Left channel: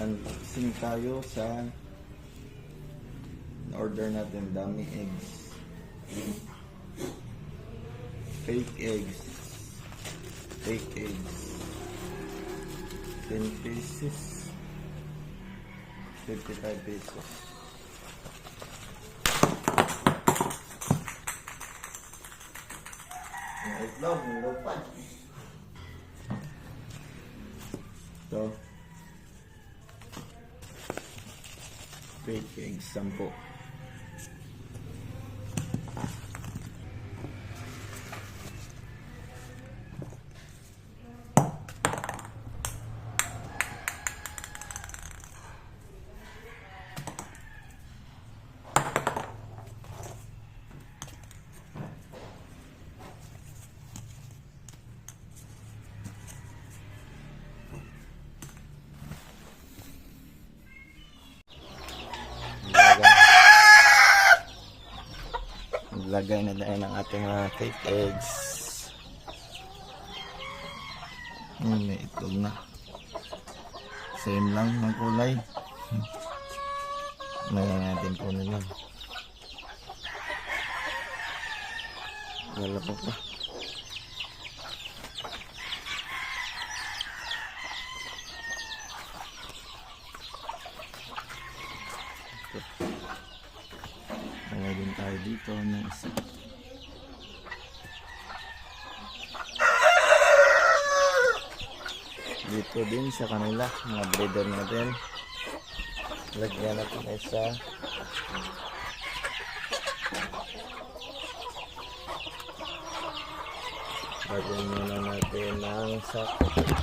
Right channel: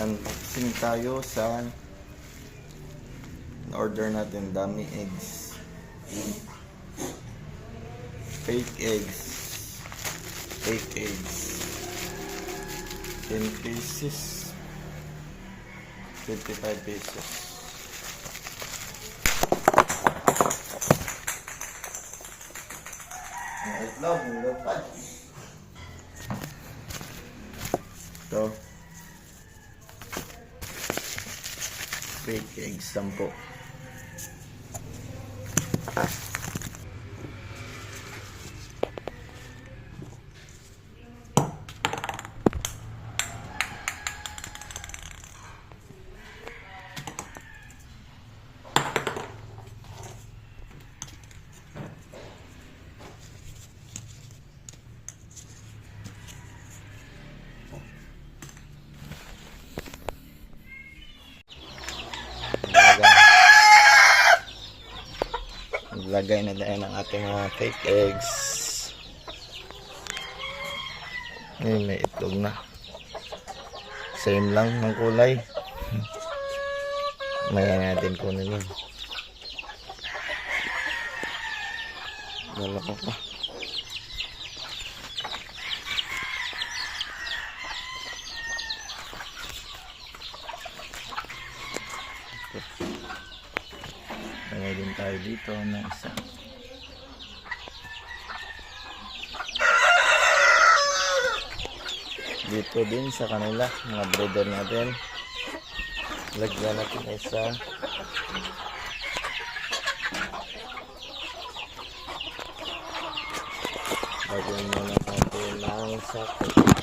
Unboxing tayo sa order natin, dummy eggs, fake eggs 10 pieces, 55 pesos. Itlog, nilupad. So fake eggs 10. Lagay na tayo ng ating mga fake eggs. Ngayon may itlog na. Same lang ng kulay. Maya natin kunin yun. Lalako pa. Lagay din tayo dito na isa. Dito din sa kanila, mga breeder natin. Lagyan natin isa. Lagyan muna natin ng sako.